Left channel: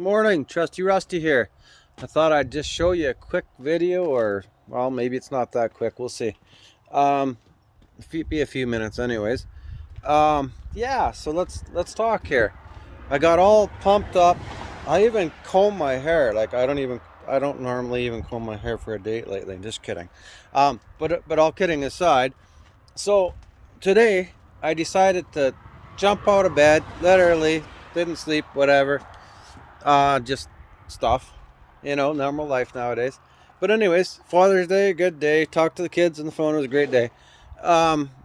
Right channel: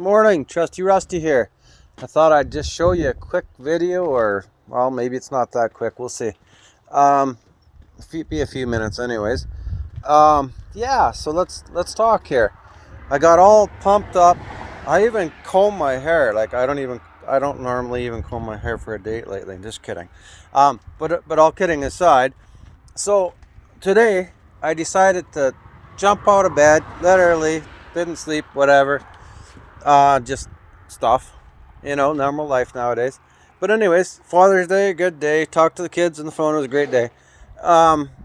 Morning, Trusty Rusty here. I thought I'd just show you a quick video, or well, maybe it's not that quick. We'll see. Be a few minutes, anyways. Yeah. So let's talk here. I got all pumped up. I even comb my hair. Like I don't normally even comb my hair for a date lately. Just kidding. But all kidding aside. So today I decided to jump out of bed, literally didn't sleep, whatever. Just stuff, normal life nowadays. But anyways, Father's Day, good day. Talked to the kids on the phone. It was a great day.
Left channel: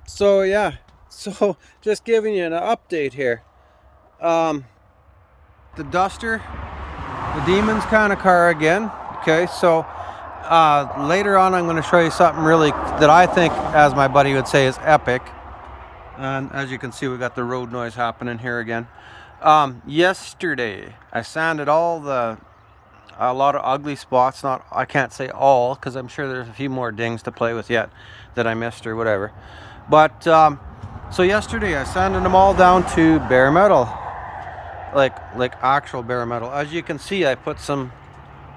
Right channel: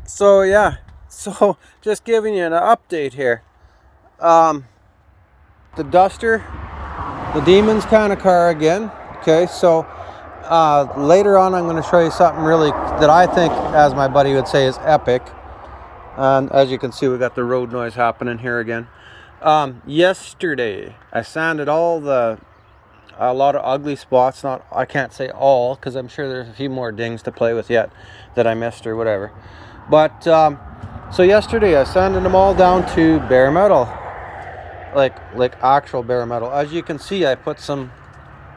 So yeah, so just giving you an update here. The Duster, the Demon's kind of car again. Okay, so later on I'm going to show you something really that I think, as my buddy would say, is epic. And as you can see, we got the road noise happening here again. Yesterday I sanded a lot of ugly spots. I can't say all, because I'm sure there's a few more dings to play with yet that I missed or whatever. But so yesterday I sanded them all down to bare metal, like actual bare metal. As you can see, I put some,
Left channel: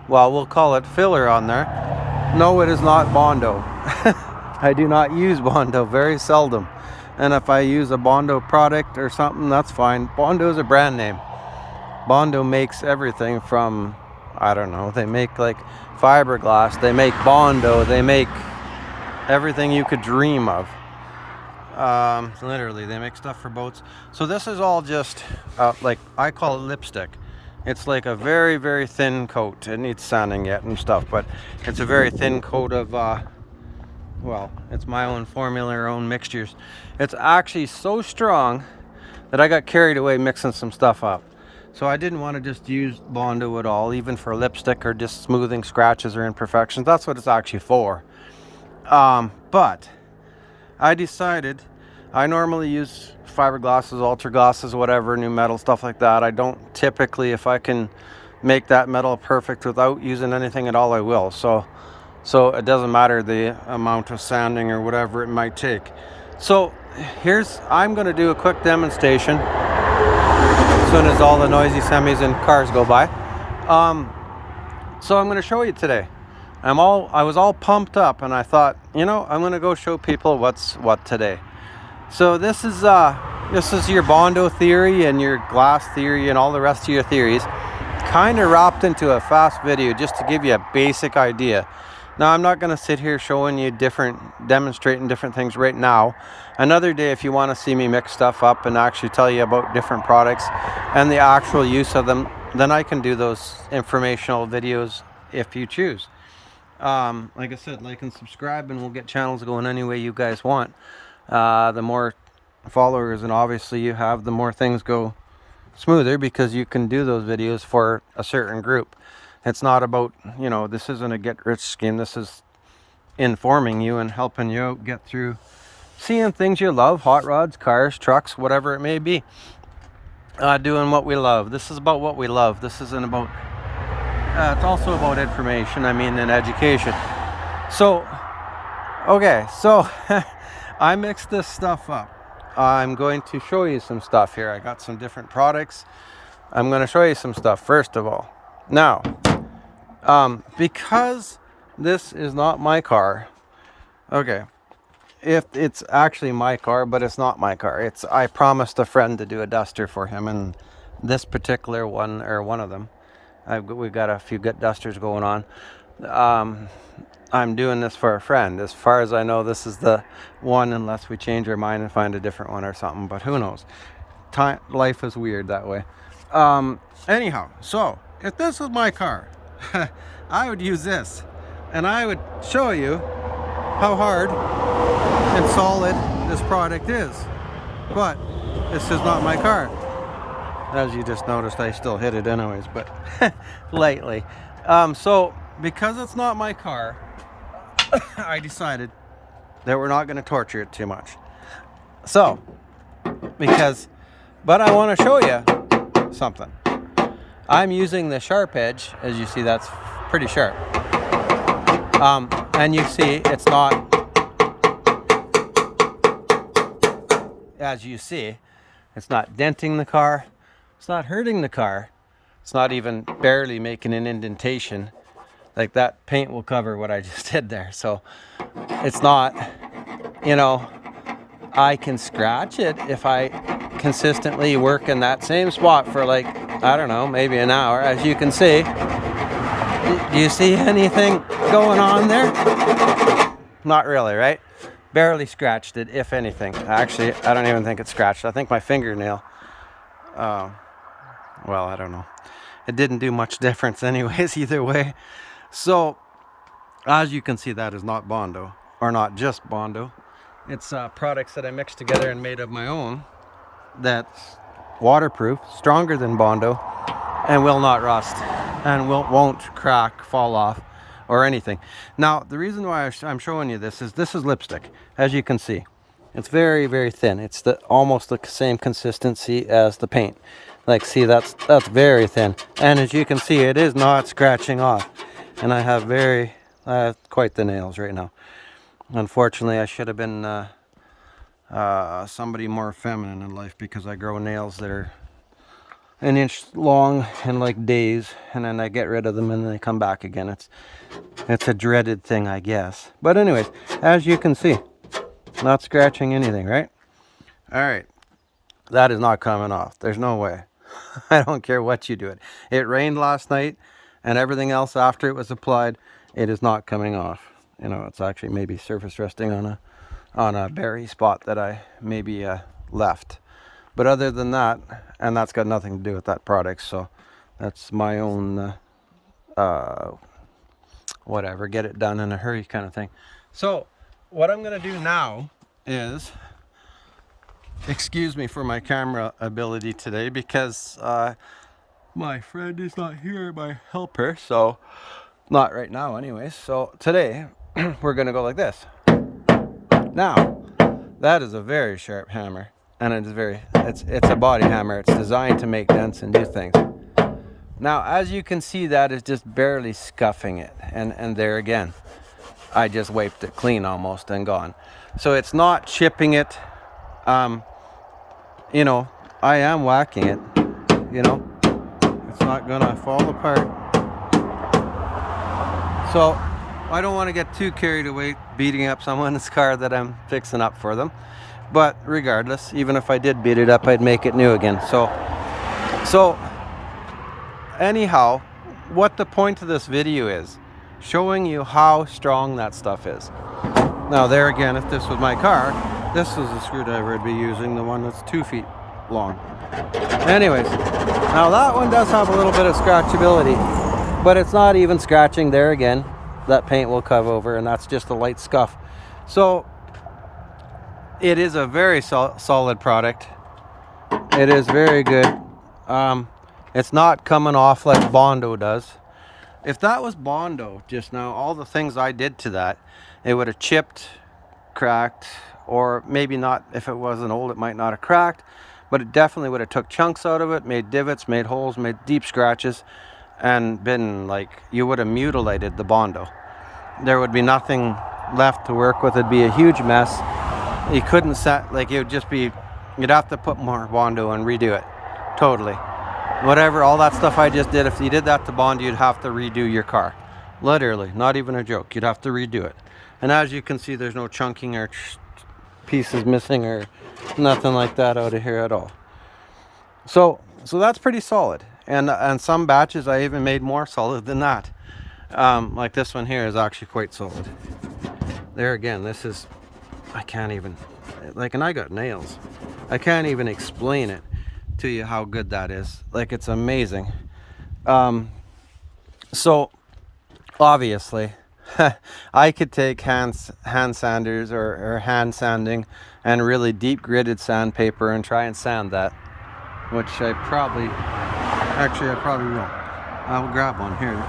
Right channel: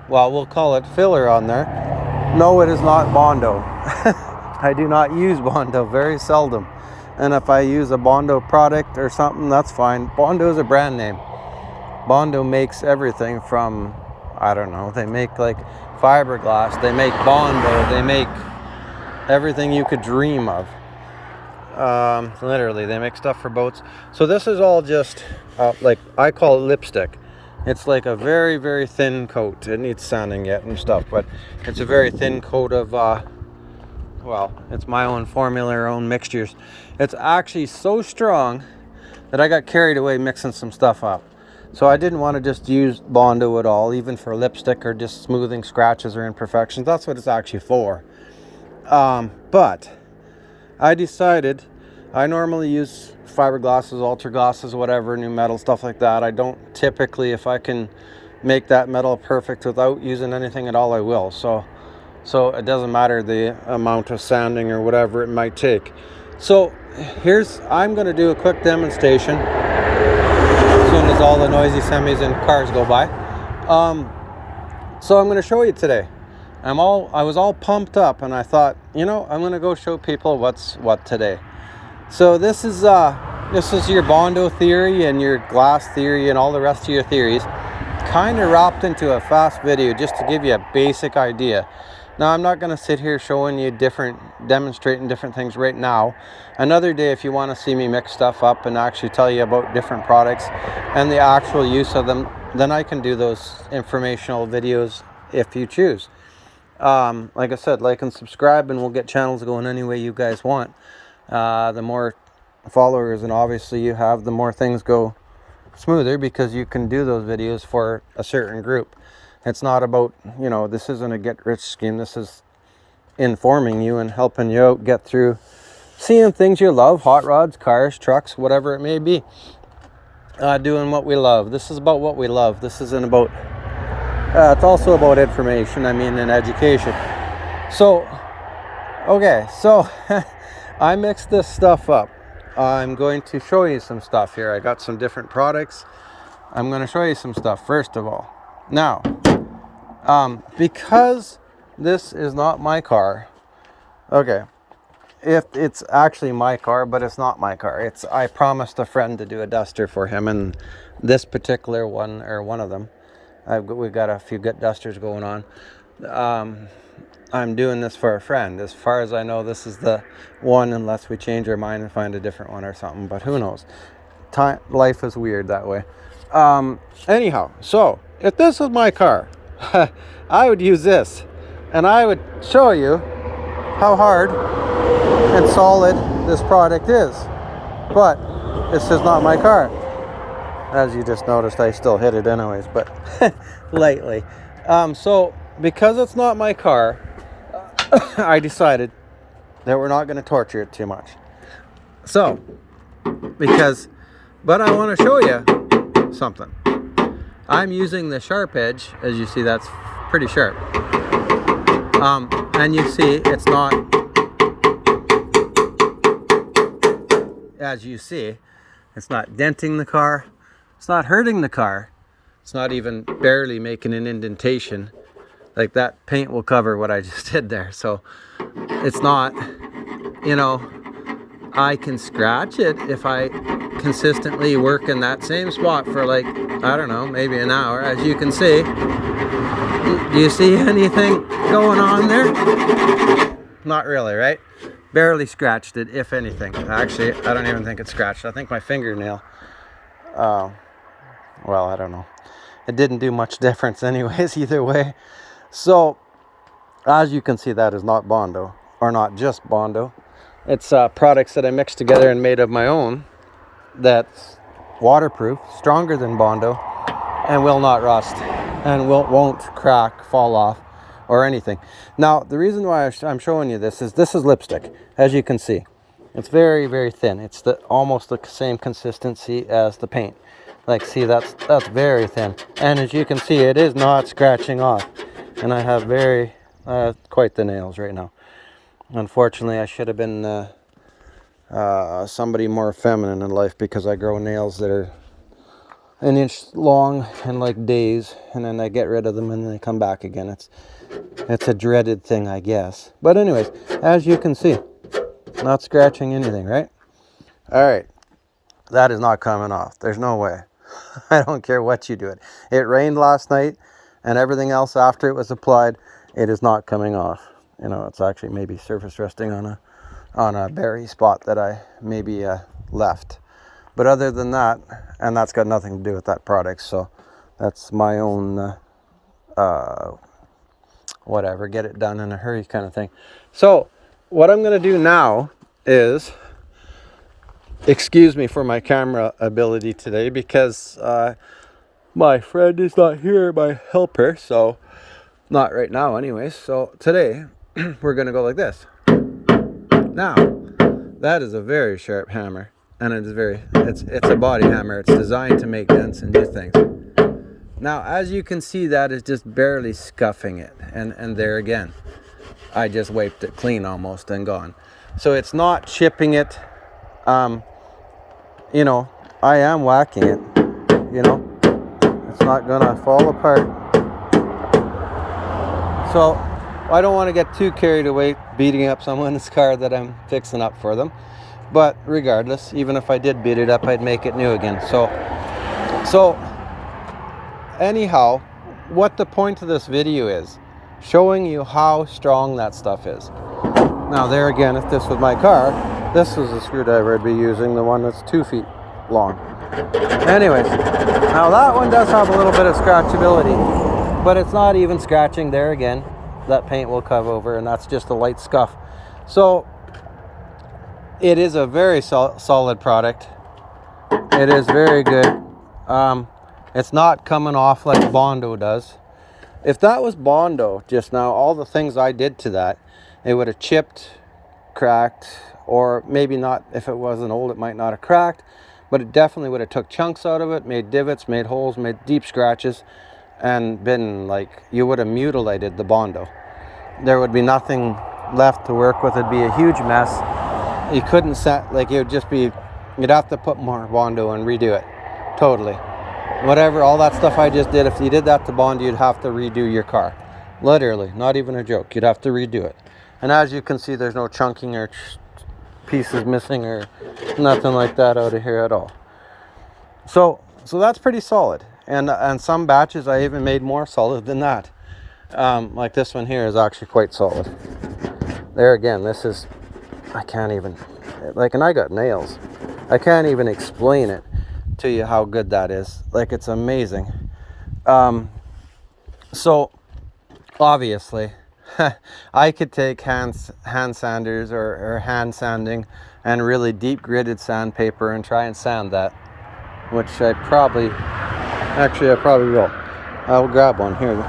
well, we'll call it filler on there. No, it is not bondo. I do not use bondo, very seldom. And if I use a bondo product or something, that's fine. Bondo is a brand name. Bondo makes everything from, I don't know, they make like fiberglass, they make bondo, they make everything you could dream of. Literally, they make stuff for boats. So this is all just, like, I call it lipstick. It's like a very, very thin coat. It needs sanding yet and stuff, but it's a very thin coat of, well, it's my own formula, our own mixtures. It's actually so strong that I got carried away mixing some stuff up. So I didn't want to just use bondo at all, even for lipstick or just smoothing scratches or imperfections. That's what it's actually for. But I decided, I normally use fiberglasses, ultra glosses, whatever, new metal, stuff like that. I don't typically, if I can make that metal perfect without using anything at all, I will. So it doesn't matter the amount of sanding or whatever it might take. So I'm going to do a quick demonstration as soon as all the noisy semis and cars go by. So I'm going to show you today. I was all pumped up, and I thought, I'm going to go show people what's what today. So this is your bondo theory and your glass theory and all the rest of your theories kind of wrapped into a fast video, just to give you a basic idea. Now, I'm not going to sit here showing you demonstrating different things right now. Another day, if you want to see me mix stuff up and actually tell you about different products and the actual use of them, then I can do those informational videos if you choose. Like I said, like and subscribe, and we'll get channels going any way you guys want. The more followers and obviously you have, the more things go smoother, because you can do those videos for a certain group. It's not about, this isn't a get-rich scheme. This is informing you and helping you out get through seeing things you love, hot rods, cars, trucks, whatever it may be. Doing what we love. This is about what we love. This isn't about, it's also about information, and education. So, okay, so I mixed this stuff up. I'm going to show you some stuff here. I got some different products. I'm going to show you some stuff, first of all. Now, because this is not my car, okay, if it's actually my car, but it's not my car. I promised a friend to do a Duster for him, and this particular one, or one of them, we've got a few good Dusters going on. I'm doing this for a friend. As far as I know, this is the one, unless we change our mind and find a different one or something, but who knows. Life is weird that way. Anyhow, so if this was my car, I would use this, and I would show you how hard and solid this product is. But this is not my car. As you just noticed, I still hit it anyways, but lightly. So because it's not my car, I decided that we're not going to torture it too much. So, but I want to show you something. I'm using the sharp edge. As you see, that's pretty sharp. And you see, it's not, as you see, it's not denting the car. It's not hurting the car. It's not even barely making an indentation. Like that paint will cover what I just did there. So it's not, you know, I can scratch it if I consistently work in that same spot for like, I don't know, maybe an hour. As you can see, do you see anything going on there? Not really, right? Barely scratched it, if anything. Actually, I don't even think it's scratched. I think my fingernail, well, I don't know. It didn't do much difference anyways, either way. So, as you can see, that is not Bondo, or not just Bondo. It's products that I mixed together and made of my own that's waterproof, stronger than Bondo, and will not rust, and won't crack, fall off, or anything. Now, the reason why I'm showing you this is lipstick. As you can see, it's very, very thin. It's almost the same consistency as the paint. Like, see, that's very thin. And as you can see, it is not scratching off. And I have quite the nails right now. Unfortunately, I should have been somebody more feminine in life, because I grow nails that are an inch long in like days, and then I get rid of them and then they come back again. It's a dreaded thing, I guess. But anyways, as you can see, not scratching anything, right? All right, that is not coming off. There's no way. I don't care what you do it. It rained last night, and everything else after it was applied, it is not coming off. You know, it's actually maybe surface resting on a berry spot that I maybe left. But other than that, and that's got nothing to do with that product, so that's my own whatever, get it done in a hurry kind of thing. So what I'm going to do now is, excuse me for my camera ability today, because my friend is not here, my helper, so not right now anyways. So today we're going to go like this. Now, that is a very sharp hammer, and it's a body hammer. It's designed to make dents and do things. Now, as you can see, that is just barely scuffing it, and there again, I just wiped it clean almost and gone. So it's not chipping it. You know, I am whacking it, you know, it's not gonna fall apart. So I don't want to get too carried away beating up someone's car that I'm fixing up for them. But regardless, even if I did beat it up, I'd make it new again. So anyhow, what the point of this video is, showing you how strong that stuff is. Now there again, if this was my car, this is the screwdriver I'd be using, the one that's 2 feet long. Anyways, now that one does have a little bit of scratchability, but it's not even scratching. There again, that paint will cover over, and that's just a light scuff. So it is a very solid product. It is very good. It's not coming off like Bondo does. If that was Bondo just now, all the things I did to that, it would have chipped, cracked, or maybe not. If it wasn't old, it might not have cracked, but it definitely would have took chunks out of it, made divots, made holes, made deep scratches, and been like, you would have mutilated the Bondo. There would be nothing left to work with. It'd be a huge mess. You couldn't set, like, it would just be, you'd have to put more Bondo and redo it totally. Whatever, all that stuff I just did, if you did that to Bondo, you'd have to redo your car. Literally, not even a joke. You'd have to redo it. And as you can see, there's no chunking or pieces missing or nothing like that out of here at all. So that's pretty solid. And some batches I even made more solid than that. Like this one here is actually quite solid. There again, this is, I can't even, like, and I got nails. I can't even explain it to you how good that is. Like, it's amazing. So obviously I could take hand sanders or hand sanding and really deep gritted sandpaper and try and sand that, which I probably will. I'll grab one here.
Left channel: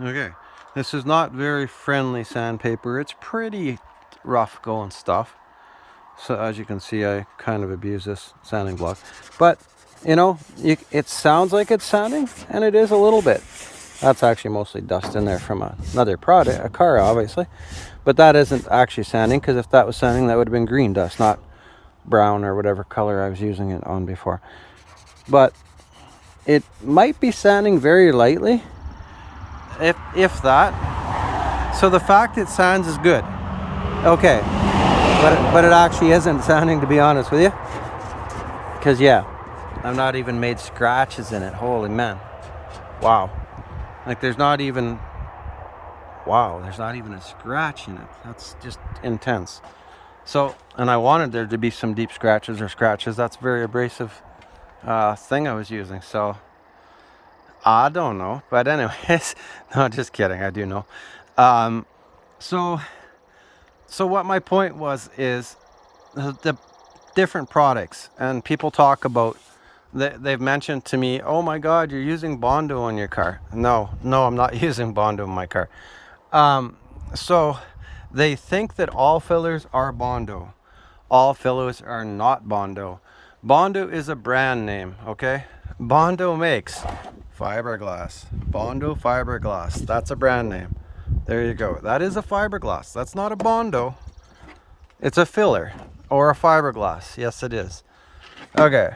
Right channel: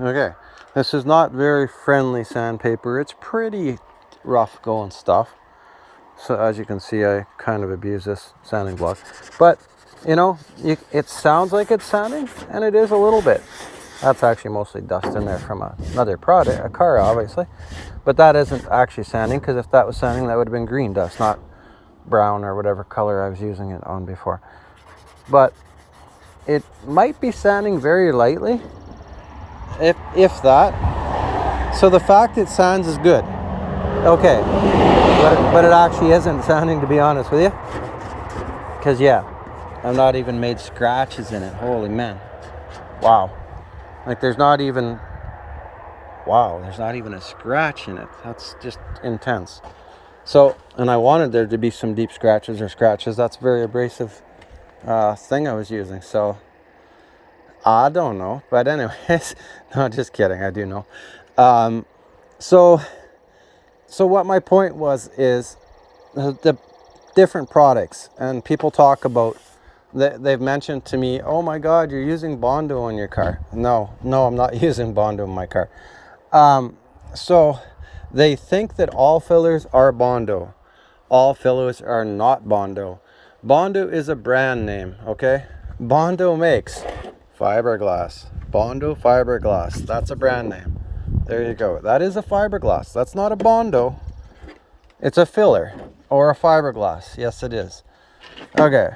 Okay, this is not very friendly sandpaper. It's pretty rough going stuff. So as you can see, I kind of abuse this sanding block, but you know, it sounds like it's sanding, and it is a little bit. That's actually mostly dust in there from another product, a car obviously, but that isn't actually sanding, because if that was sanding, that would have been green dust, not brown or whatever color I was using it on before. But it might be sanding very lightly, if that. So the fact it sands is good. Okay, but it actually isn't sanding, to be honest with you. Because yeah, I've not even made scratches in it. Holy man. Wow. Like there's not even a scratch in it. That's just intense. So, and I wanted there to be some deep scratches or scratches. That's very abrasive thing I was using. So I don't know. But anyways, no, just kidding. I do know. So what my point was is the different products, and people talk about, they've mentioned to me, oh my God, you're using Bondo in your car. No, I'm not using Bondo in my car. So they think that all fillers are Bondo. All fillers are not Bondo. Bondo is a brand name, okay? Bondo makes fiberglass. Bondo fiberglass. That's a brand name. There you go. That is a fiberglass. That's not a Bondo. It's a filler or a fiberglass. Yes, it is. Okay.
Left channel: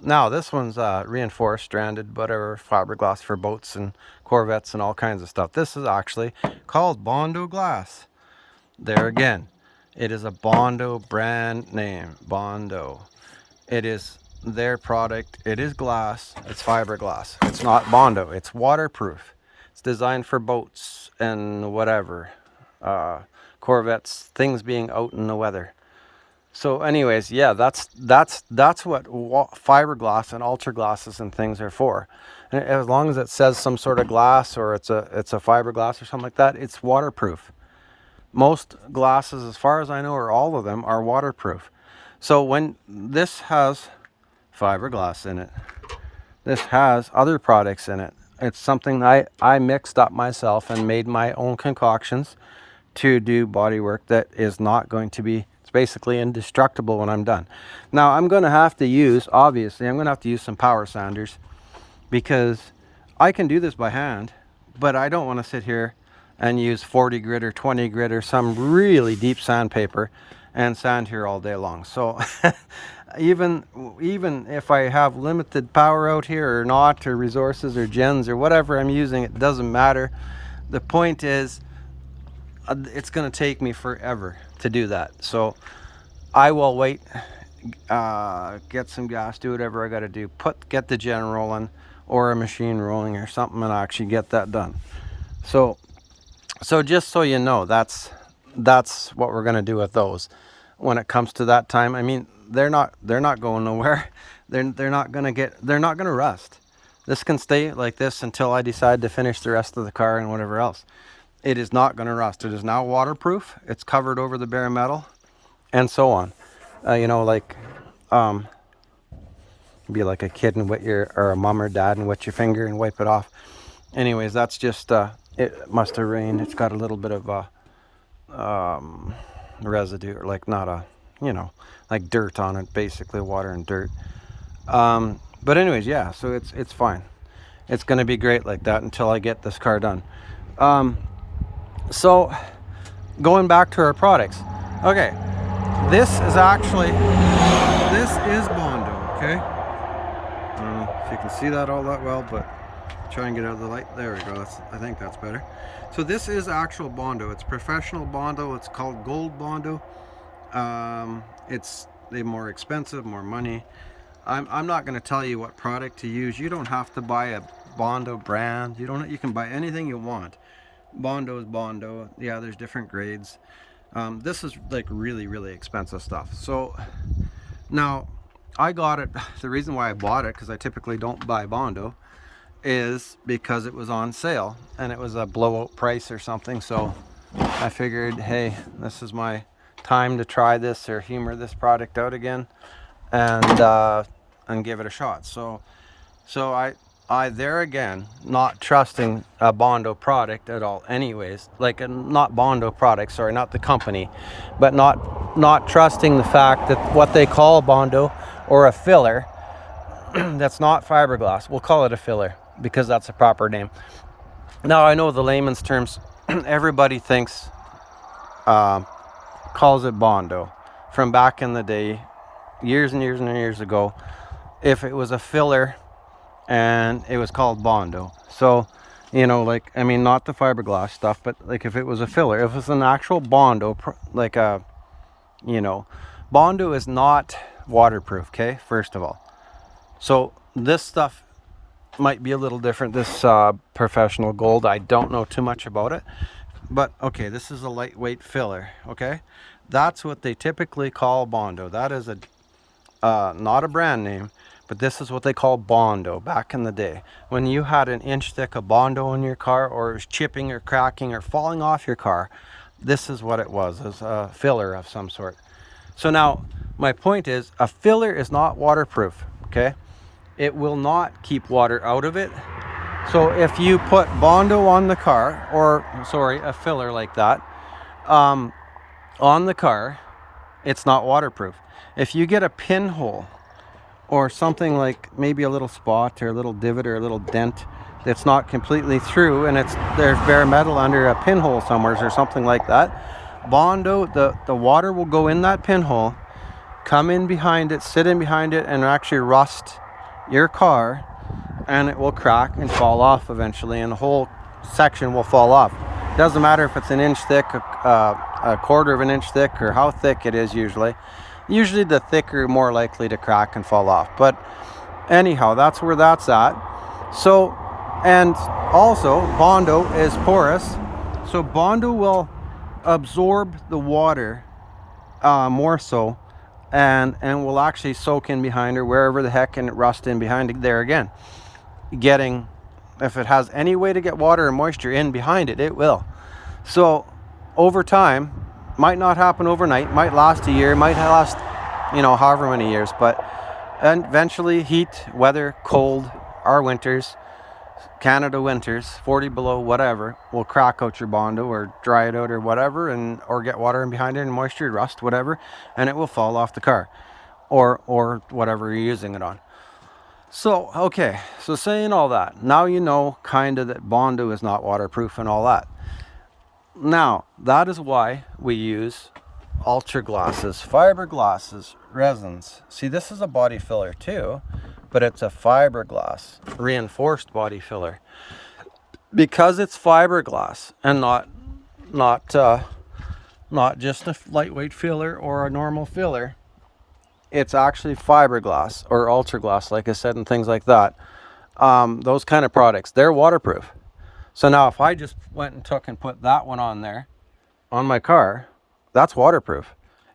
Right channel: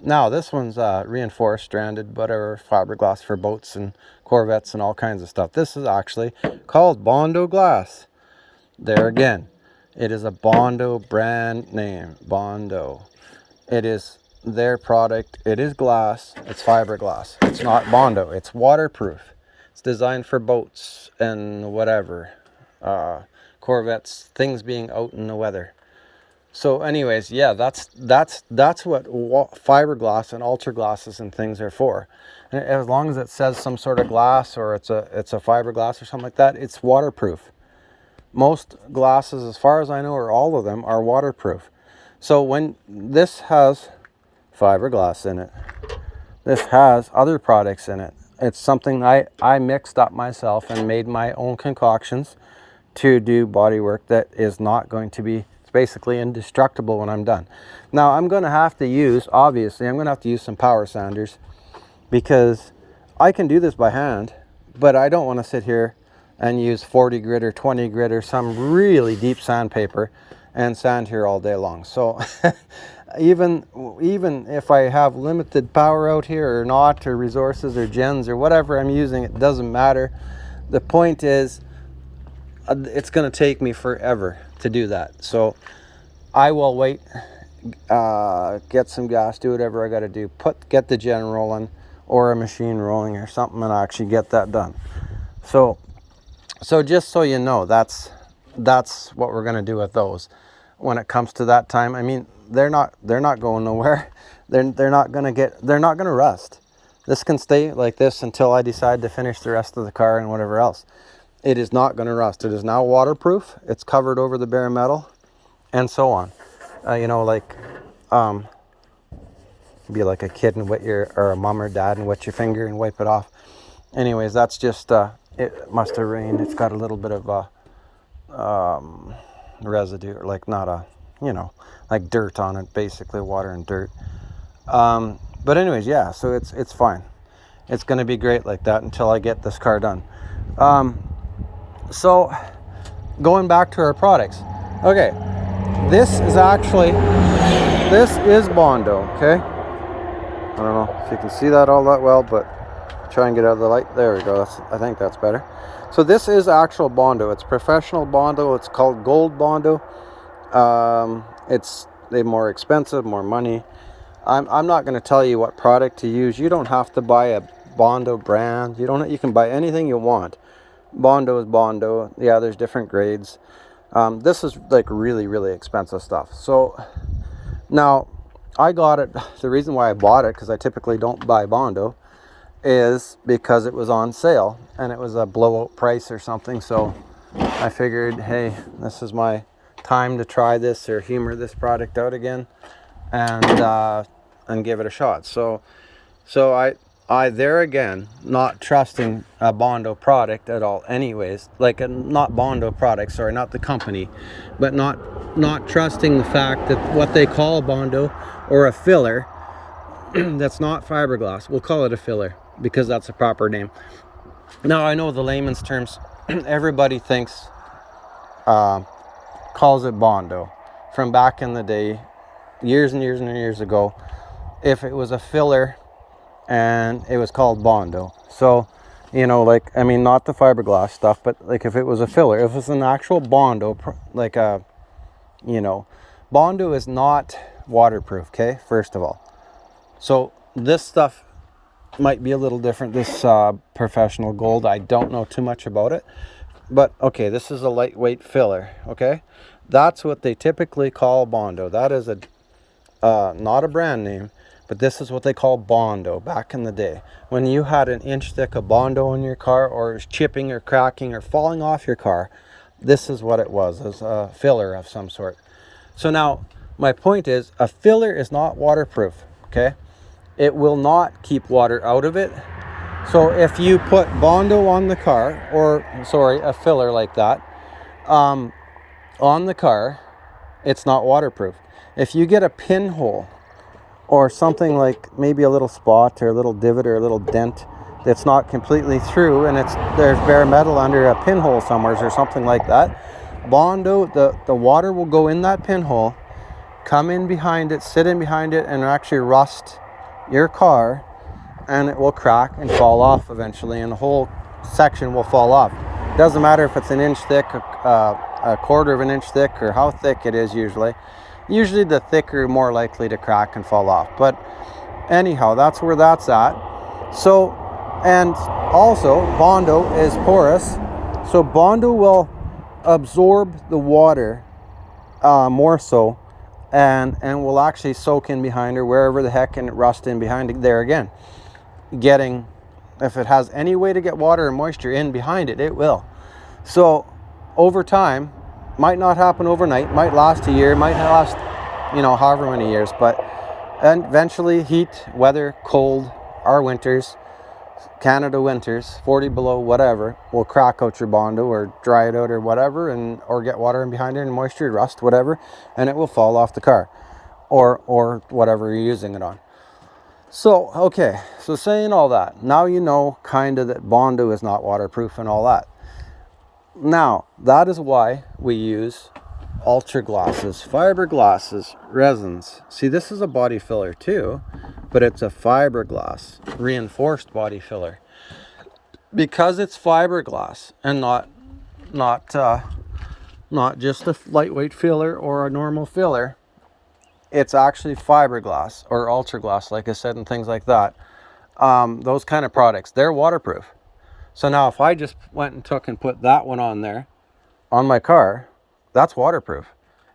Now this one's reinforced, stranded, whatever, fiberglass for boats and Corvettes and all kinds of stuff. This is actually called Bondo glass. There again, it is a Bondo brand name. Bondo. It is their product. It is glass. It's fiberglass. It's not Bondo. It's waterproof. It's designed for boats and whatever, Corvettes, things being out in the weather. So anyways, yeah, that's what fiberglass and ultra glasses and things are for. And as long as it says some sort of glass, or it's a fiberglass or something like that, it's waterproof. Most glasses, as far as I know, or all of them, are waterproof. So when this has fiberglass in it, this has other products in it. It's something I mixed up myself and made my own concoctions to do body work that is not going to be, it's basically indestructible when I'm done. Now I'm going to have to use, obviously, I'm going to have to use some power sanders, because I can do this by hand, but I don't want to sit here and use 40 grit or 20 grit or some really deep sandpaper and sand here all day long. So even if I have limited power out here or not, or resources or gens or whatever I'm using, it doesn't matter. The point is, it's going to take me forever to do that. So I will wait, get some gas, do whatever I got to do, get the gen rolling or a machine rolling or something, and actually get that done. So just so you know, that's what we're going to do with those when it comes to that time. I mean, they're not going nowhere. They're not going to rust. This can stay like this until I decide to finish the rest of the car and whatever else. It is not going to rust. It is now waterproof. It's covered over the bare metal, and so on. Like, be like a kid and or a mom or dad and wet your finger and wipe it off. Anyways, that's just, it must have rained. It's got a little bit of residue, or like not a, like dirt on it, basically water and dirt. But anyways, yeah, so it's fine. It's going to be great like that until I get this car done. So going back to our products. Okay, this is Bondo, okay? I don't know if you can see that all that well, but try and get out of the light. There we go. I think that's better. So this is actual Bondo. It's professional Bondo. It's called Gold Bondo. They're more expensive, more money. I'm not going to tell you what product to use. You don't have to buy a Bondo brand. You can buy anything you want. Bondo is Bondo. Yeah, there's different grades. This is like really, really expensive stuff. So now I got it. The reason why I bought it, because I typically don't buy Bondo, is because it was on sale and it was a blowout price or something. So I figured, hey, this is my time to try this or humor this product out again, and give it a shot. So I there again, not trusting a Bondo product at all anyways, like not Bondo product, sorry, not the company, but not trusting the fact that what they call Bondo or a filler, that's not fiberglass. We'll call it a filler because that's a proper name. Now I know the layman's terms, everybody calls it Bondo. From back in the day, years and years and years ago, if it was a filler and it was called bondo. So, you know, like, I mean, not the fiberglass stuff, but like if it was a filler, if it's an actual bondo, like a, you know, bondo is not waterproof, okay, first of all. So this stuff might be a little different. This professional gold, I don't know too much about it, but okay, this is a lightweight filler, okay? That's what they typically call bondo. That is a not a brand name, but this is what they call bondo back in the day. When you had an inch thick of bondo in your car, or it was chipping or cracking or falling off your car, this is what it was, as a filler of some sort. So now, my point is, a filler is not waterproof, okay? It will not keep water out of it. So if you put bondo on the car, or sorry, a filler like that, on the car, it's not waterproof. If you get a pinhole or something, like maybe a little spot or a little divot or a little dent that's not completely through, and there's bare metal under a pinhole somewhere or something like that, bondo, the water will go in that pinhole, come in behind it, sit in behind it, and actually rust your car, and it will crack and fall off eventually, and the whole section will fall off. Doesn't matter if it's an inch thick, a quarter of an inch thick, or how thick it is. Usually the thicker, more likely to crack and fall off. But anyhow, that's where that's at. So, and also bondo is porous, so bondo will absorb the water more so, and will actually soak in behind, or wherever the heck, and rust in behind it there again, getting, if it has any way to get water and moisture in behind it, it will. So over time, might not happen overnight, might last a year, might last, you know, however many years, but eventually heat, weather, cold, our winters, Canada winters, 40 below, whatever, will crack out your bondo or dry it out or whatever, and or get water in behind it and moisture, rust, whatever, and it will fall off the car or whatever you're using it on. So, okay, so saying all that, now you know kind of that bondo is not waterproof and all that. Now, that is why we use ultra glasses, fiberglasses, resins. See, this is a body filler too, but it's a fiberglass reinforced body filler. Because it's fiberglass and not just a lightweight filler or a normal filler, it's actually fiberglass or ultra glass, like I said, and things like that. Those kind of products, they're waterproof. So now if I just went and took and put that one on there on my car, that's waterproof.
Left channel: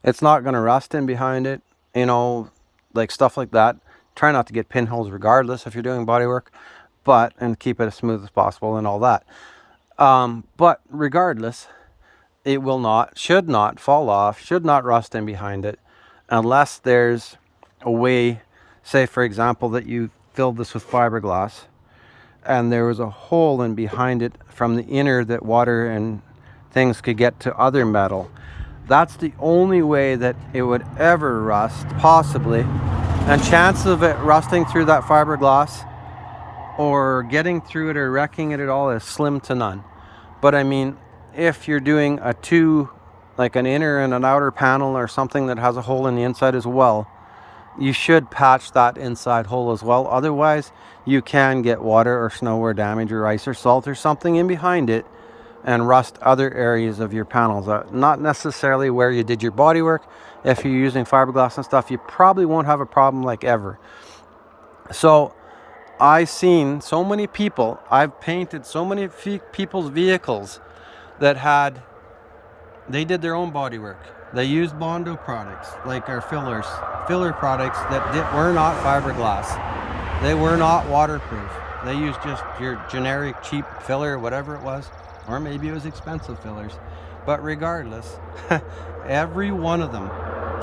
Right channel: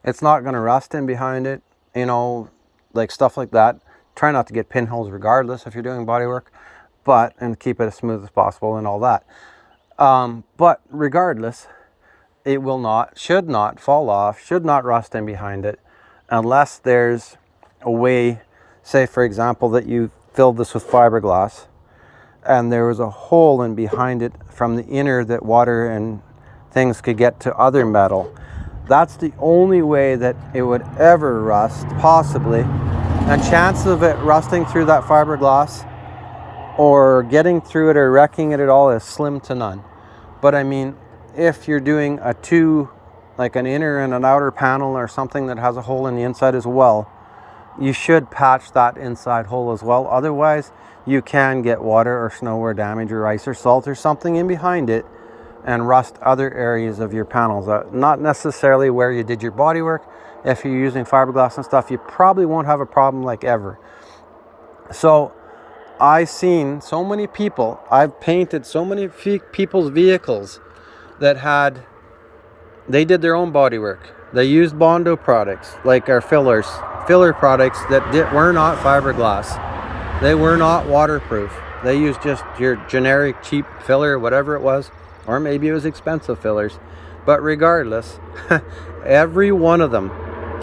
It's not going to rust in behind it, you know, like stuff like that. Try not to get pinholes regardless if you're doing body work, and keep it as smooth as possible and all that. But regardless, it will not, should not fall off, should not rust in behind it, unless there's a way, say for example, that you filled this with fiberglass and there was a hole in behind it from the inner that water and things could get to other metal. That's the only way that it would ever rust, possibly. And chances of it rusting through that fiberglass or getting through it or wrecking it at all is slim to none. But I mean, if you're doing like an inner and an outer panel or something that has a hole in the inside as well, you should patch that inside hole as well. Otherwise, you can get water or snow or damage or ice or salt or something in behind it and rust other areas of your panels. Not necessarily where you did your body work. If you're using fiberglass and stuff, you probably won't have a problem like ever. So I've seen so many people, I've painted so many people's vehicles that they did their own body work. They used bondo products, like our filler products that were not fiberglass. They were not waterproof. They used just your generic cheap filler, whatever it was, or maybe it was expensive fillers. But regardless, every one of them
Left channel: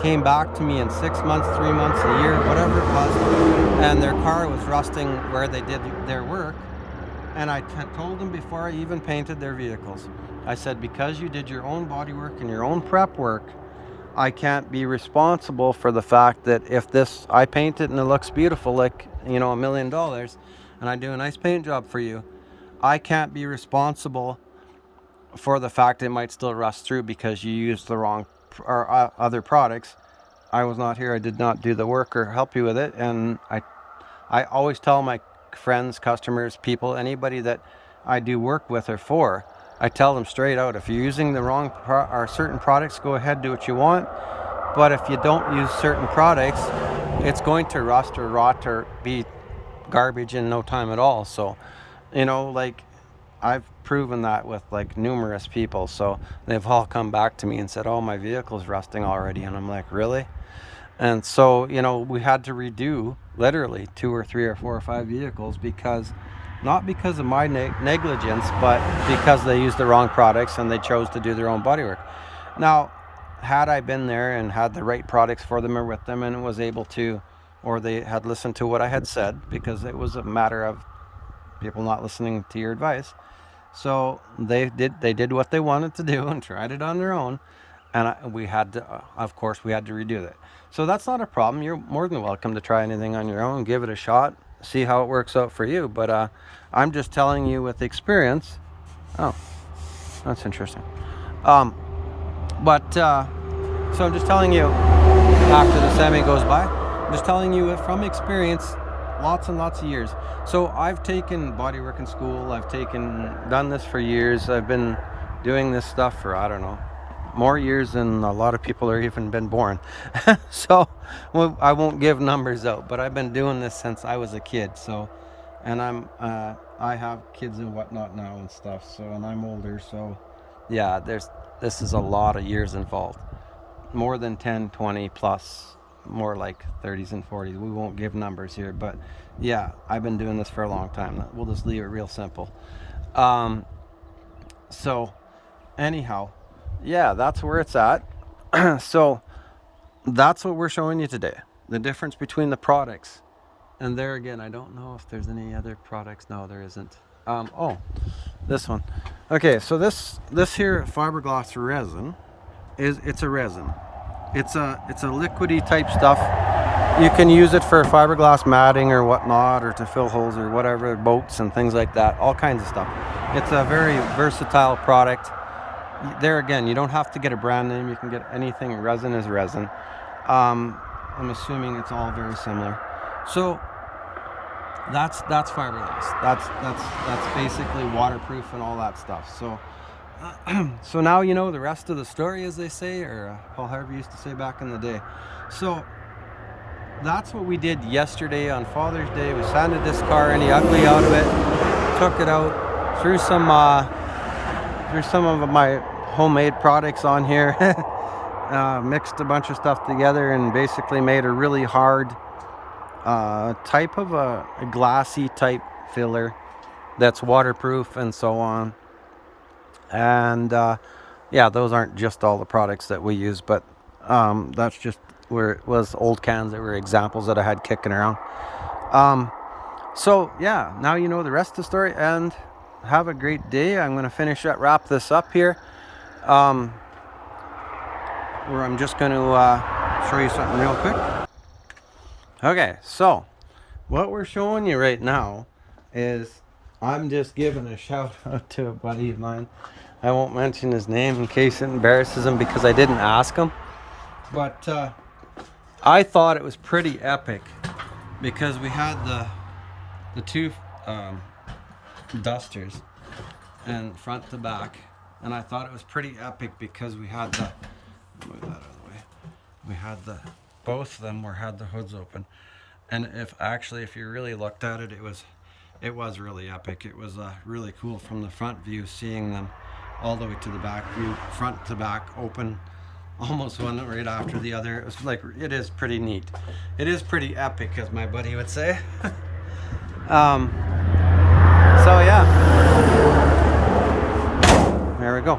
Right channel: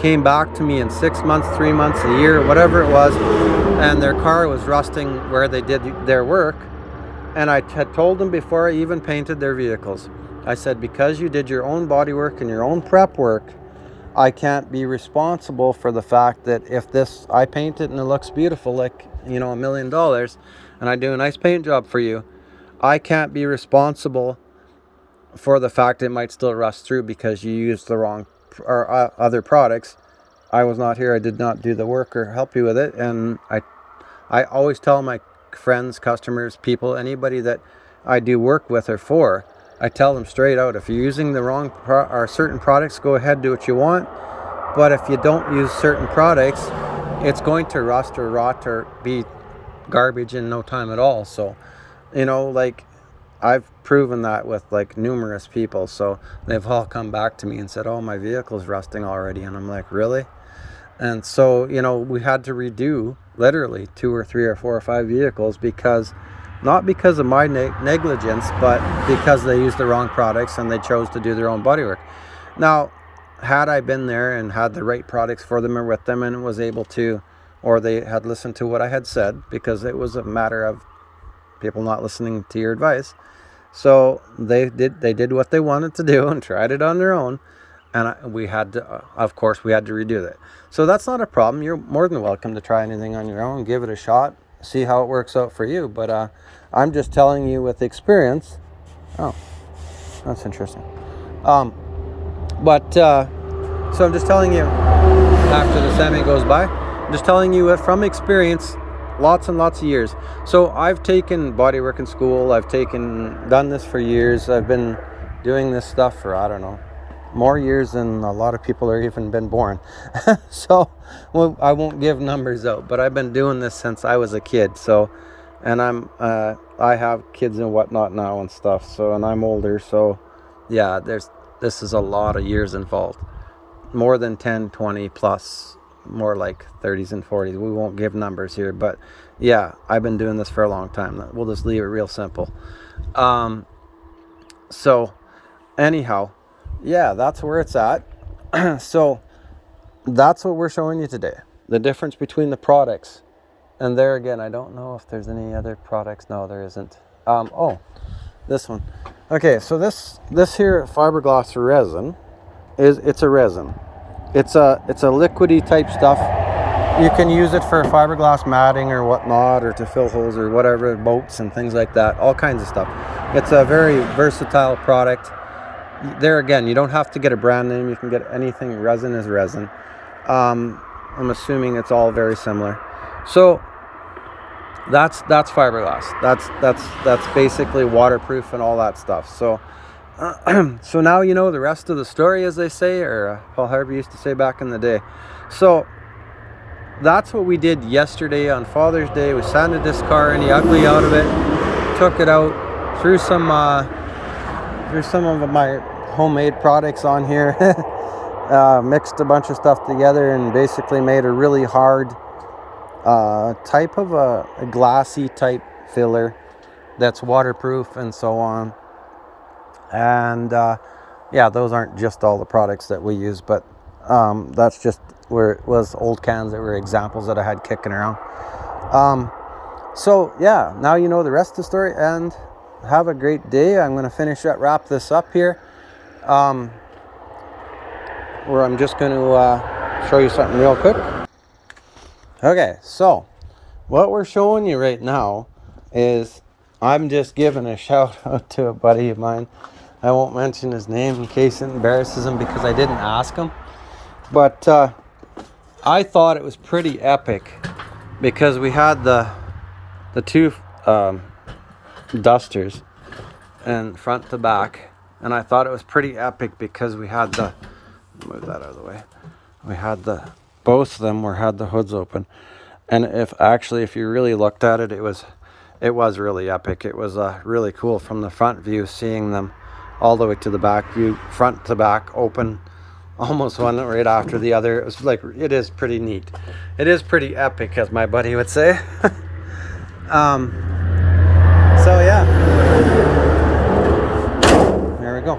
came back to me in 6 months, 3 months, a year, whatever it was, and their car was rusting where they did their work. And I had told them before I even painted their vehicles, I said, because you did your own body work and your own prep work, I can't be responsible for the fact that if I paint it and it looks beautiful, like, you know, $1 million, and I do a nice paint job for you, I can't be responsible for the fact it might still rust through because you used the wrong or other products. I was not here. I did not do the work or help you with it, and I I always tell my friends, customers, people, anybody that I do work with or for, I tell them straight out, if you're using the wrong or certain products, go ahead, do what you want. But if you don't use certain products, it's going to rust or rot or be garbage in no time at all. So, you know, like, I've proven that with like numerous people. So they've all come back to me and said, oh, my vehicle's rusting already. And I'm like, really? And so, you know, we had to redo literally 2 or 3 or 4 or 5 vehicles, because not because of my negligence, but because they used the wrong products and they chose to do their own bodywork. Now, had I been there and had the right products for them or with them and was able to, or they had listened to what I had said, because it was a matter of people not listening to your advice. So they did what they wanted to do and tried it on their own. And we had to, of course, we had to redo that. So that's not a problem. You're more than welcome to try anything on your own, give it a shot, see how it works out for you. But I'm just telling you with experience. Oh, that's interesting. So I'm just telling you, after the semi goes by, I'm just telling you from experience, lots and lots of years. So I've taken bodywork in school. I've done this for years. I've been doing this stuff for, I don't know, more years than a lot of people are even been born. So, well, I won't give numbers out, but I've been doing this since I was a kid. So, and I have kids and whatnot now and stuff. So, and I'm older. So, yeah, this is a lot of years involved. More than 10, 20 plus, more like 30s and 40s. We won't give numbers here, but yeah, I've been doing this for a long time. We'll just leave it real simple. So anyhow, yeah, that's where it's at. So that's what we're showing you today. The difference between the products. And there again, I don't know if there's any other products. No, there isn't. Oh, this one. Okay, so this here fiberglass resin it's a resin. It's a liquidy type stuff. You can use it for fiberglass matting or whatnot, or to fill holes or whatever, boats and things like that, all kinds of stuff. It's a very versatile product. There again, you don't have to get a brand name. You can get anything. Resin is resin. I'm assuming it's all very similar. So that's fiberglass. That's basically waterproof and all that stuff. So so now you know the rest of the story, as they say, or Paul Harvey used to say back in the day. So that's what we did yesterday on Father's Day. We sanded this car, any ugly out of it, took it out, threw some of my homemade products on here, mixed a bunch of stuff together, and basically made a really hard type of a glassy type filler that's waterproof and so on. And yeah, those aren't just all the products that we use, but that's just where it was old cans that were examples that I had kicking around. So yeah, now you know the rest of the story, and have a great day. I'm going to wrap this up here, where I'm just going to show you something real quick. Okay, so what we're showing you right now is, I'm just giving a shout out to a buddy of mine. I won't mention his name in case it embarrasses him, because I didn't ask him. But I thought it was pretty epic, because we had the two dusters, and front to back, and I thought it was pretty epic because we had move that out of the way. We had both of them had the hoods open, and if you really looked at it, it was really epic. It was really cool from the front view, seeing them all the way to the back view, front to back, open, almost one right after the other. It was like, it is pretty neat. It is pretty epic, as my buddy would say. So yeah, there we go.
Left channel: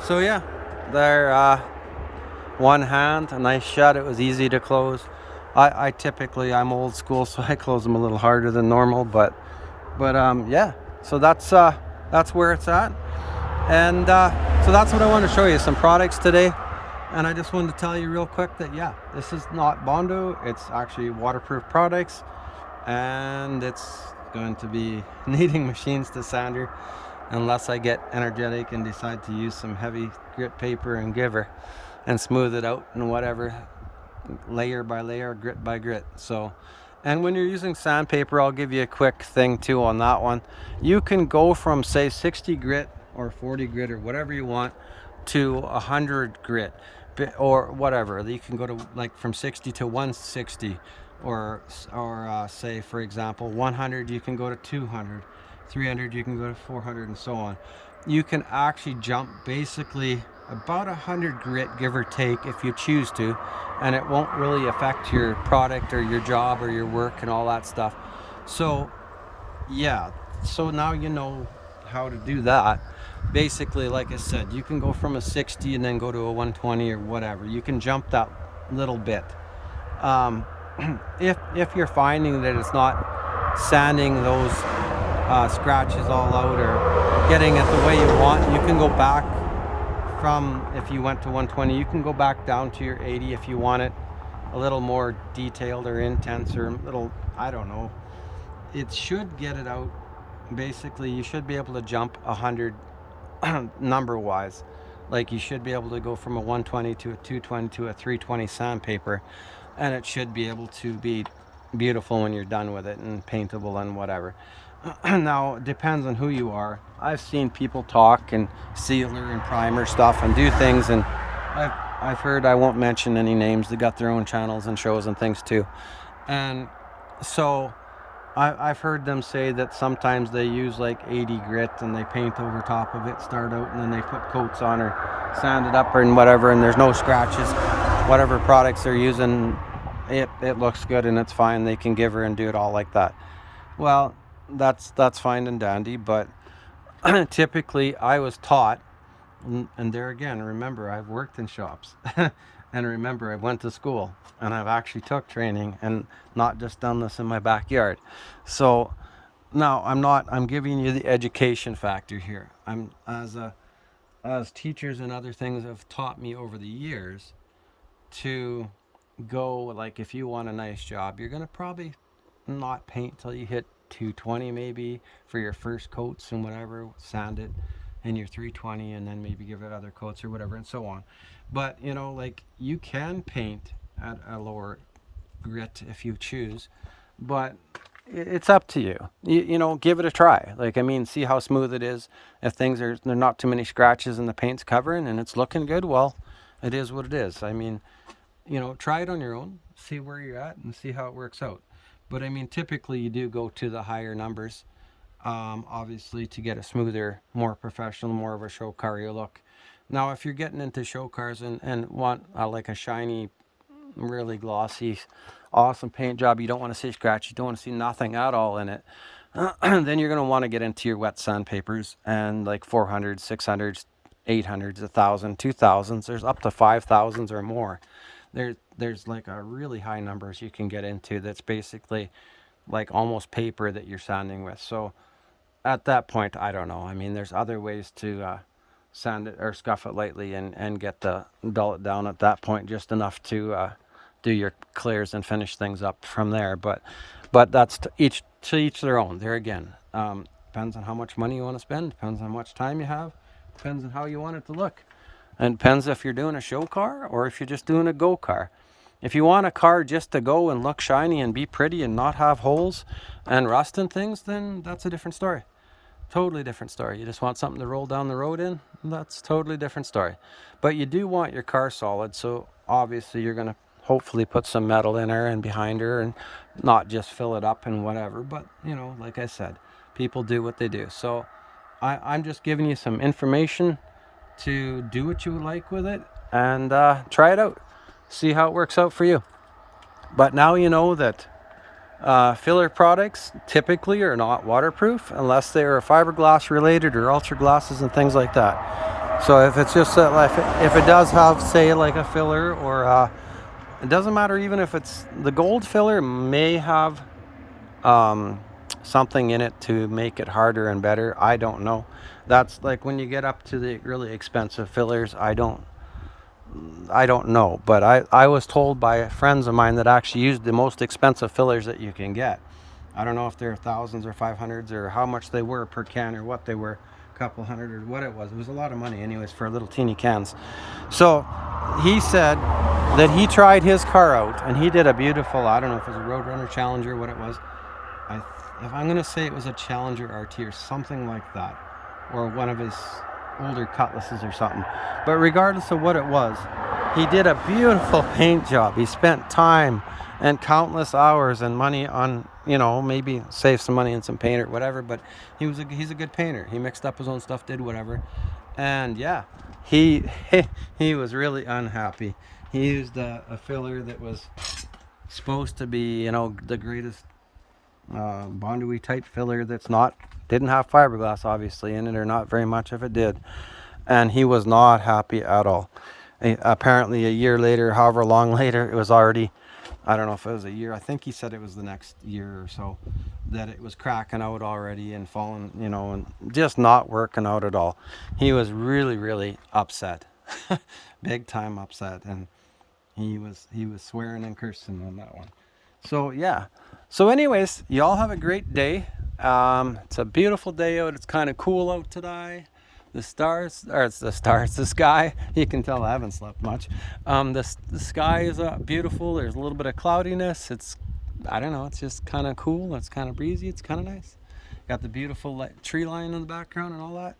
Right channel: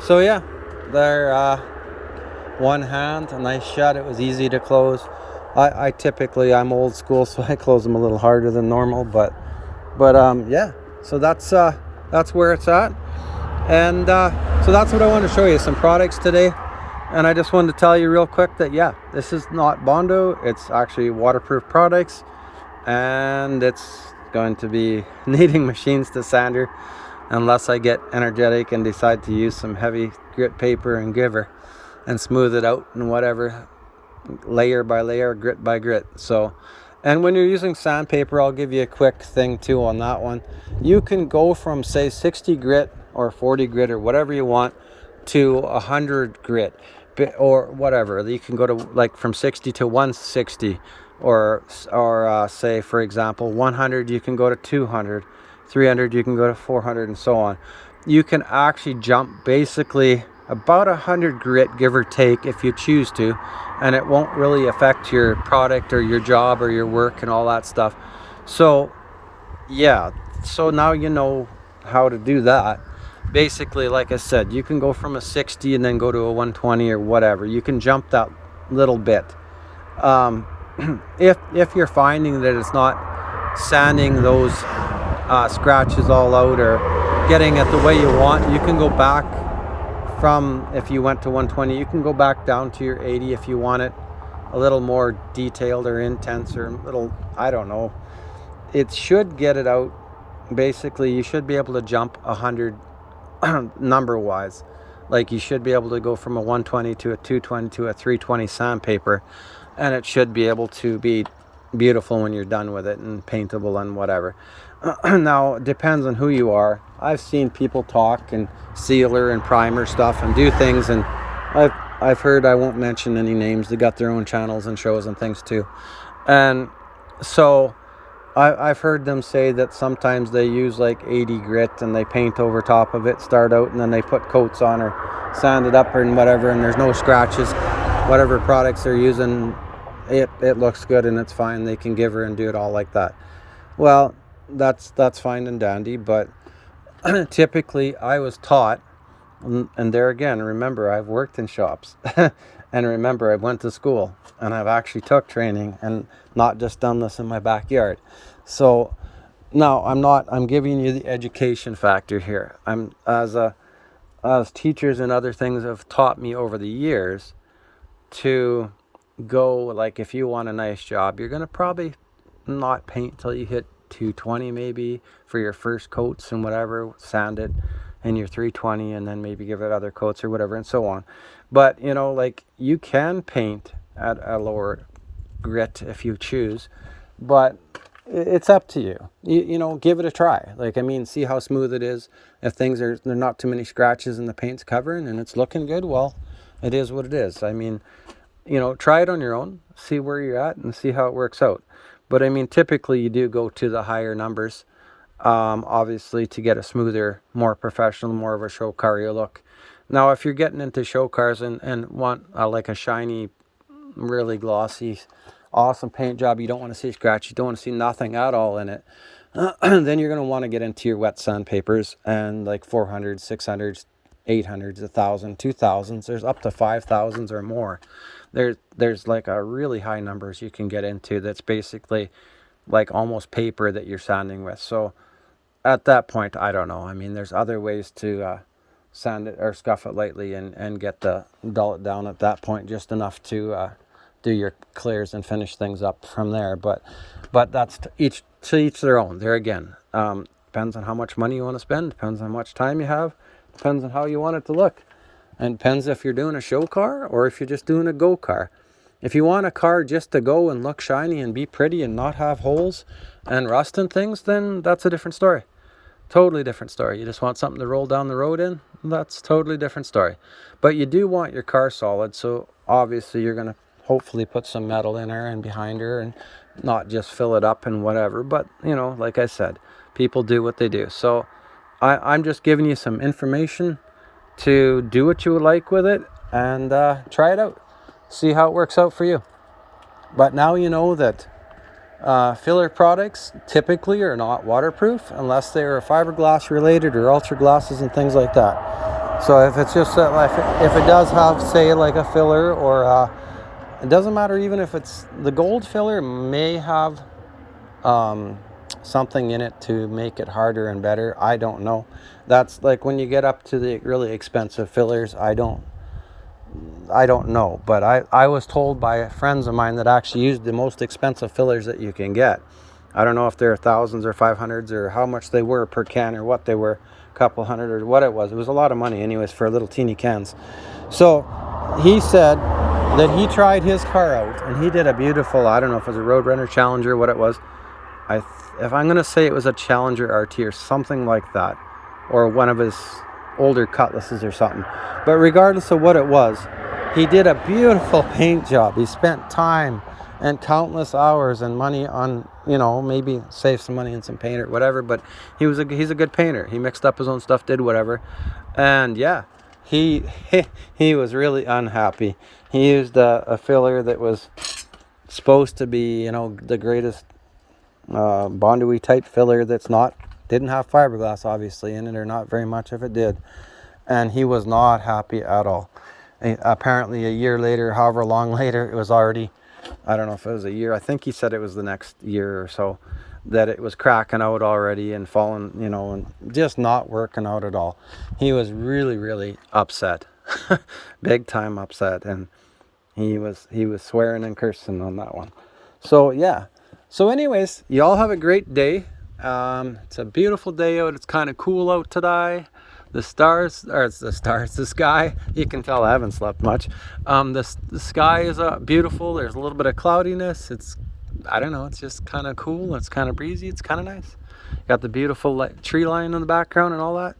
So yeah, they're one hand, a nice shut. It was easy to close. I'm old school, so I close them a little harder than normal, but yeah, so that's where it's at. And so that's what I wanted to show you, some products today. And I just wanted to tell you real quick that yeah, this is not bondo, it's actually waterproof products, and it's going to be needing machines to sander, unless I get energetic and decide to use some heavy grit paper and giver and smooth it out and whatever, layer by layer, grit by grit. So And when you're using sandpaper, I'll give you a quick thing too on that one. You can go from, say, 60 grit or 40 grit or whatever you want to 100 grit or whatever. You can go to like from 60 to 160, or say, for example, 100 you can go to 200, 300 you can go to 400, and so on. You can actually jump basically about 100 grit, give or take, if you choose to, and it won't really affect your product or your job or your work and all that stuff. So yeah, so now you know how to do that. Basically, like I said, you can go from a 60 and then go to a 120 or whatever. You can jump that little bit. um, if you're finding that it's not sanding those scratches all out or getting it the way you want, you can go back from, if you went to 120, you can go back down to your 80 if you want it a little more detailed or intense or a little, I don't know. It should get it out. Basically, you should be able to jump 100 number wise. Like, you should be able to go from a 120 to a 220 to a 320 sandpaper, and it should be able to be beautiful when you're done with it and paintable and whatever. Now, it depends on who you are. I've seen people talk and sealer and primer stuff and do things, and I've heard, I won't mention any names, they got their own channels and shows and things too. And so I've heard them say that sometimes they use like 80 grit and they paint over top of it, start out, and then they put coats on or sand it up and whatever, and there's no scratches. Whatever products they're using, it looks good and it's fine. They can give her and do it all like that. Well, that's fine and dandy, but typically I was taught, and there again, remember, I've worked in shops and remember, I went to school and I've actually took training and not just done this in my backyard. So now I'm giving you the education factor here. As teachers and other things have taught me over the years to go, like, if you want a nice job, you're going to probably not paint till you hit 220 maybe for your first coats and whatever, sand it, and your 320, and then maybe give it other coats or whatever, and so on. But like, you can paint at a lower grit if you choose, but it's up to you. Give it a try. Like, I mean, see how smooth it is. If there's not too many scratches and the paint's covering and it's looking good, well, it is what it is. I mean, try it on your own, see where you're at and see how it works out. But I mean, typically you do go to the higher numbers, obviously, to get a smoother, more professional, more of a show car look. Now, if you're getting into show cars and want like a shiny, really glossy, awesome paint job, you don't want to see scratch, you don't want to see nothing at all in it, then you're going to want to get into your wet sandpapers and like 400, 600, 800s, 1,000, 2,000s. There's up to 5,000s or more. There's like a really high numbers you can get into that's basically like almost paper that you're sanding with. So at that point, I don't know. I mean, there's other ways to sand it or scuff it lightly and get the dull it down at that point just enough to do your clears and finish things up from there. But that's to each their own. There again, depends on how much money you want to spend, depends on how much time you have, depends on how you want it to look. And depends if you're doing a show car or if you're just doing a go car. If you want a car just to go and look shiny and be pretty and not have holes and rust and things, then that's a different story. Totally different story. You just want something to roll down the road in, that's totally different story. But you do want your car solid, so obviously you're going to hopefully put some metal in her and behind her and not just fill it up and whatever. But, like I said, people do what they do. So I'm just giving you some information to do what you would like with it and try it out, see how it works out for you. But now you know that filler products typically are not waterproof unless they're fiberglass related or ultra glasses and things like that. So if it's just if it does have, say, like a filler, or it doesn't matter, even if it's the gold filler may have something in it to make it harder and better. I don't know. That's like when you get up to the really expensive fillers, I don't know, but I was told by friends of mine that actually used the most expensive fillers that you can get. I don't know if they're thousands or 500s or how much they were per can or what they were, a couple hundred or what it was. It was a lot of money anyways for little teeny cans. So he said that he tried his car out, and he did a beautiful, I don't know if it was a Roadrunner Challenger, what it was. If I'm going to say it was a Challenger RT or something like that, or one of his older Cutlasses or something. But regardless of what it was, he did a beautiful paint job. He spent time and countless hours and money on, you know, maybe save some money in some paint or whatever, but he's a good painter. He mixed up his own stuff, did whatever. And yeah, he was really unhappy. He used a filler that was supposed to be, you know, the greatest bondo-y type filler didn't have fiberglass obviously in it, or not very much if it did. And he was not happy at all. Apparently a year later, however long later, it was already, I don't know if it was a year, I think he said it was the next year or so, that it was cracking out already and falling, you know, and just not working out at all. He was really, really upset. Big time upset, and he was swearing and cursing on that one. So yeah, so anyways, you all have a great day. It's a beautiful day out. It's kind of cool out today. The sky, you can tell I haven't slept much. The sky is beautiful. There's a little bit of cloudiness. I don't know, it's just kind of cool. It's kind of breezy. It's kind of nice. Got the beautiful tree line in the background and all that.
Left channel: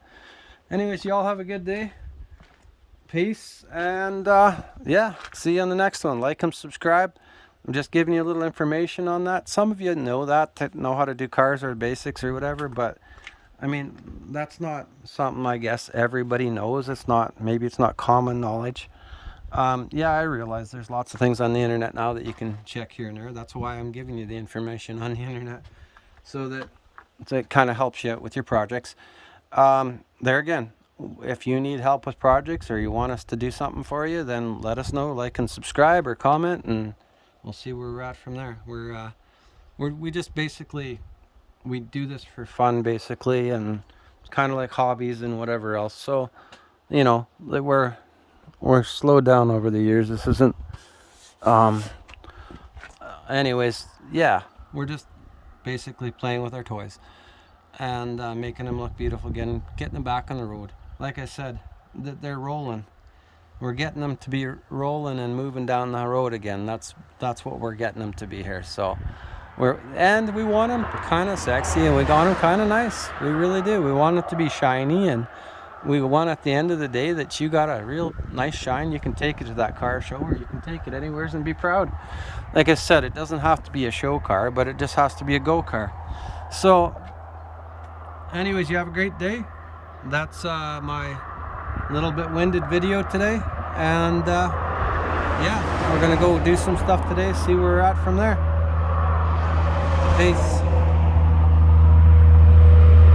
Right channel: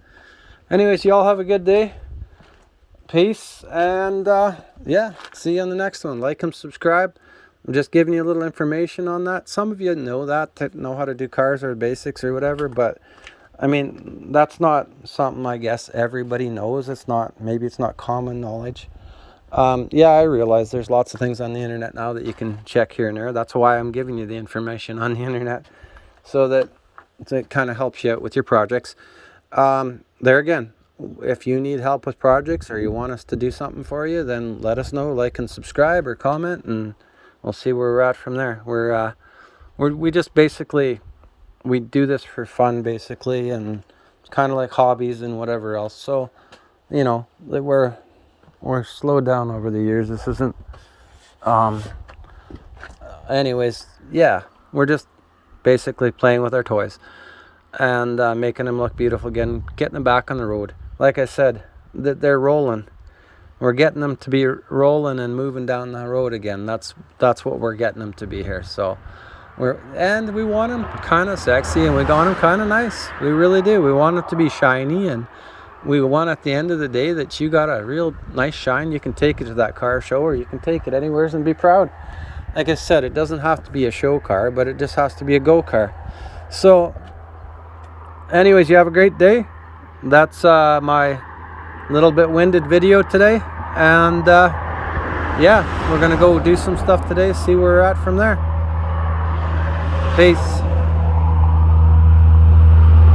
Anyways, you all have a good day. Peace, and yeah, see you on the next one. Like and subscribe. I'm just giving you a little information on that. Some of you know how to do cars or basics or whatever, but I mean, that's not something I guess everybody knows. Maybe it's not common knowledge. Yeah, I realize there's lots of things on the internet now that you can check here and there. That's why I'm giving you the information on the internet, so that it kind of helps you out with your projects. There again, if you need help with projects or you want us to do something for you, then let us know. Like and subscribe or comment, and we'll see where we're at from there. We just basically, we do this for fun basically, and it's kind of like hobbies and whatever else. So, you know, we're slowed down over the years. This isn't anyways, yeah, we're just basically playing with our toys and making them look beautiful again, getting them back on the road. Like I said, they're rolling. We're getting them to be rolling and moving down the road again. That's what we're getting them to be here. So we want them kind of sexy, and we want them kind of nice. We really do. We want it to be shiny, and we want at the end of the day that you got a real nice shine. You can take it to that car show, or you can take it anywhere and be proud. Like I said, it doesn't have to be a show car, but it just has to be a go car. So anyways, you have a great day. That's my little bit winded video today, and yeah, we're gonna go do some stuff today, see where we're at from there. Peace.